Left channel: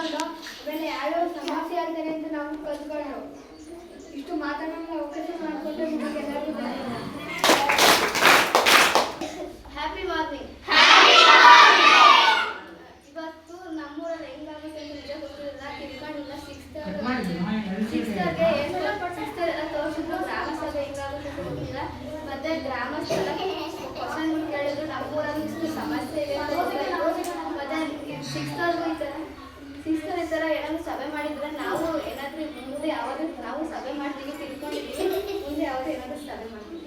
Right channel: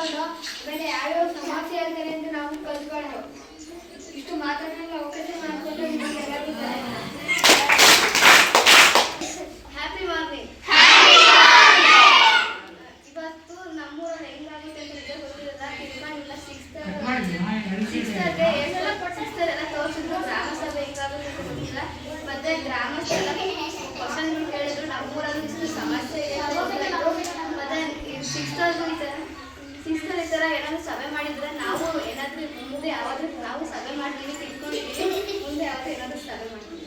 ತಿಳ್ಕೊಂಡು ಆಮೇಲೆ ಯಾವ್ಯಾವ ಸಮಸ್ಯೆ ಹೇಳ್ತಾರೆ ಅಂತ ನಾವು ಕಲ್ತ್ಕೊಂಡು ಇಷ್ಟು ಮಾತಾಡೋಣ ಅವಕಾಶ ಮಾಡಿಕೊಂಡು ನಿಮಗೆಲ್ಲರಿಗೂ ಹ್ಯಾಪಿ ಮಾರ್ನಿಂಗ್. ಇವತ್ತು ನಮ್ಮೂರಲ್ಲಿ ಹೆಂಗಾಗುತ್ತೆ ಅಂತ ನಿಜ ಗೊತ್ತಿರಲ್ಲ, ತಿಳ್ಕೊಂಡಿಲ್ಲ. ಸಿಕ್ಸ್ತರ್ಗೆ ಎಲ್ಲ ತೋರಿಸಿದ್ರು. ಗ್ರಾಮ ಸಭೆ ಹೆಂಗಾಗುತ್ತೆ ಅಂತ ಗೊತ್ತಿಲ್ಲ. ಮತ್ತೆ ಗ್ರಾಮಸ್ಥರ ಕ್ವಶನ್ಗಳು ಕೇಳಿದ್ರು, ನಮ್ಮೂರಲ್ಲಿ ಇಷ್ಟು ಸಮಸ್ಯೆ ಇದೆ ಅಂತ ಗೊತ್ತಾಯ್ತು. ಮತ್ತೆ ಸಿಕ್ಸ್ತರ್ಗೂ ಈ ಥರ ಏನಾದ್ರು ಸಭೆ ಮಾಡಿದ್ರೆ ನಾವು ಏನಾದರೂ ಮುಂದೆ ಯಾವಾದರೂ ನಾವು ಸಭೆ ಮಾಡ್ತೀವಿ, ತಿಳ್ಕೊಂಡಿದ್ದೀವಿ. ಮುಂದೆ ಯಾವಾದರೂ ಏನಾದರೂ ಸಭೆ ಮಾಡ್ತೀವಿ.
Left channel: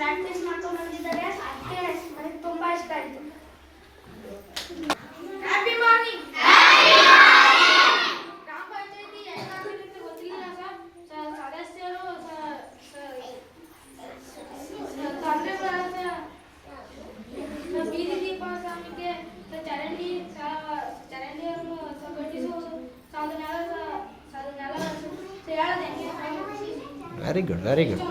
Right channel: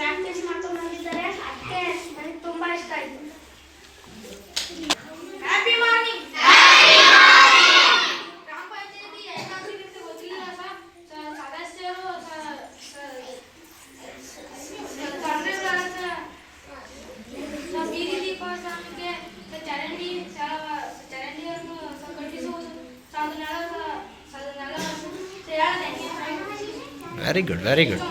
ಪ್ರಾಕ್ಟೀಸ್ ಮಾಡ್ಕೊಂಡು ಬಂದಿದ್ದಾರೆ. ಅದಕ್ಕೆ ನನಗೆ ತುಂಬ ಇಷ್ಟ ಆಯಿತು. Happy morning. ಗ್ರಾಮ ಪಂಚಾಯತಿ ಏನಾಗುತ್ತೆ ಗೊತ್ತಿಲ್ಲ ಸರ್. ಸದಸ್ಯರು ಬೀದಿ ದೀಪ ಸ್ವಾಮಿಗೆ ಚರಂಡಿಯನ್ನು ಸಂಘಟಿಸುವುದು ವೆರಿ ಗುಡ್, ವೆರಿ ಗುಡ್.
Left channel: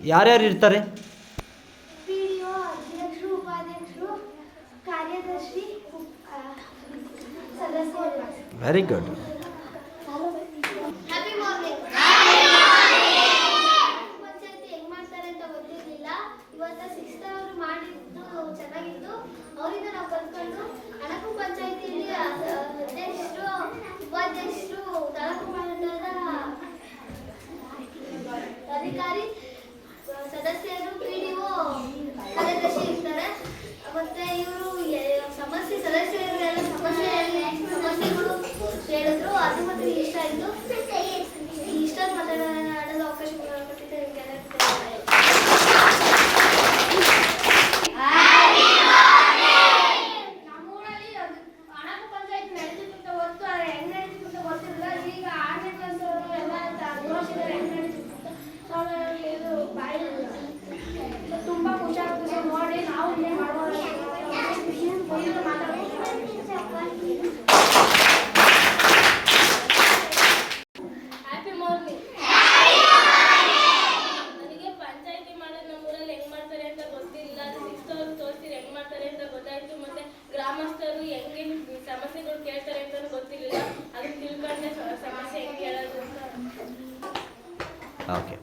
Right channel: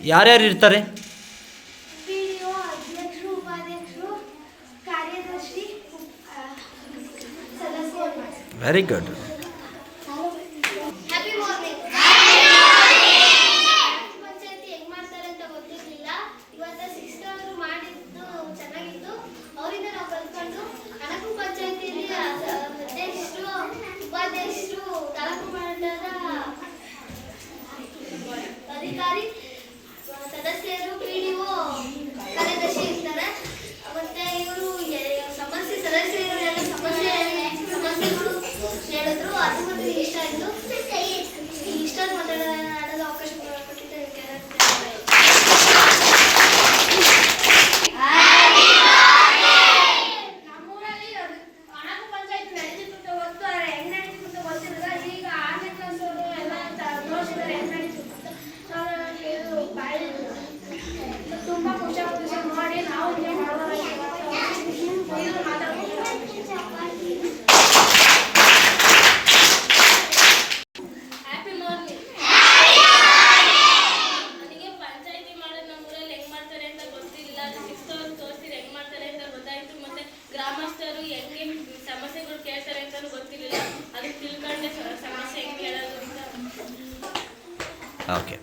ಯಾರ್ಯಾರು ಇರ್ತಾರೆ? ಅಧ್ಯಕ್ಷರು, ಉಪಾಧ್ಯಕ್ಷರು, ಕಾರ್ಯದರ್ಶಿ, ಸದಸ್ಯರು. Very good. Happy morning. ಪಂಚಾಯತಿ ಹೆಂಗ್ ಮಾಡ್ತಾರೆ ಅಂತ ಗೊತ್ತಿರಲಿಲ್ಲ. ಇವತ್ತು ಸಿಕ್ಸ್ತ್ ಅವರು ಮಾಡಿದ್ದು ಚೆನ್ನಾಗಿತ್ತು. ಅವರಿಂದ ನಾವು ಕಲ್ತ್ಕೊಂಡು ಅಣಕು ಪಂಚಾಯತಿಯಲ್ಲಿ ಅಧ್ಯಕ್ಷರು, ಉಪಾಧ್ಯಕ್ಷರು, ತಾಲೂಕು ಮಂಡಲದ ಅಧಿಕಾರಿ, ಸದಸ್ಯರು, ಪಿಡಿಒ, ಕಾರ್ಯದರ್ಶಿ ಇರ್ತಾರೆ. ಮತ್ತೆ ಇವರು ಸಮಸ್ಯೆ ಸದಸ್ಯರು ಎಲ್ಲ ಸಮಸ್ಯೆಗಳು ಹೇಳಿದ್ರು. ಅದು ಮತ್ತೆ ಇಷ್ಟ ಆಯಿತು. ಇಷ್ಟ ಮಾತಾಡೋದು ಅವಕಾಶ ಕೊಟ್ಟಿದ್ದೆ. ನಮ್ಮೂರಲ್ಲಿ ಅಣಕು ಪಂಚಾಯತ್ ನಡೀತಿತ್ತು ಗೊತ್ತು. ಹೆಂಗ್ ನಡೀತಿತ್ತು ಗೊತ್ತಿರಲ್ಲ. ಈಗ 6ನೇ ಕ್ಲಾಸ್ ಅವರು ಎಲ್ಲ ತೋರಿಸಿದ್ದಾರೆ ಹೆಂಗ್ ನಡೀತಿತ್ತು. ತುಂಬ ಖುಷಿ ಆಗುತ್ತೆ ಸರ್ ನೋಡಿ. ನಾವು ಇಲ್ಲೇ ಮಾಡ್ಬೋದು. Happy morning. ನನಗೆ ಪಂಚಾಯತಿ ಮಾಡೋದು ನಮ್ಮೂರಲ್ಲಿ ಹೆಂಗ್ ಮಾಡ್ತಾರೆ ಅಂತ ಗೊತ್ತಿಲ್ಲ. ಸಿಕ್ಸ್ತ್ ಅವ್ರು ತೋರಿಸಿದ್ರೆ ಹೆಂಗ್ ಮಾಡ್ತಾರೆ ಅಂತ ಗೊತ್ತಾಯ್ತು. ಮತ್ತೆ ಗ್ರಾಮಸ್ಥರು ಹೆಂಗೆ ಸಮಸ್ಯೆಗಳು ಕೇಳ್ತಾರೆ ಅಂತಲೂ ಗೊತ್ತಿರಲಿಲ್ಲ. ಅದಕ್ಕೆ ತಿಳ್ಕೊಂಡೆ ಸಮಸ್ಯೆ ಹೆಂಗೆ ಕೇಳೋದು ಅಂತ. ಓಕೆ.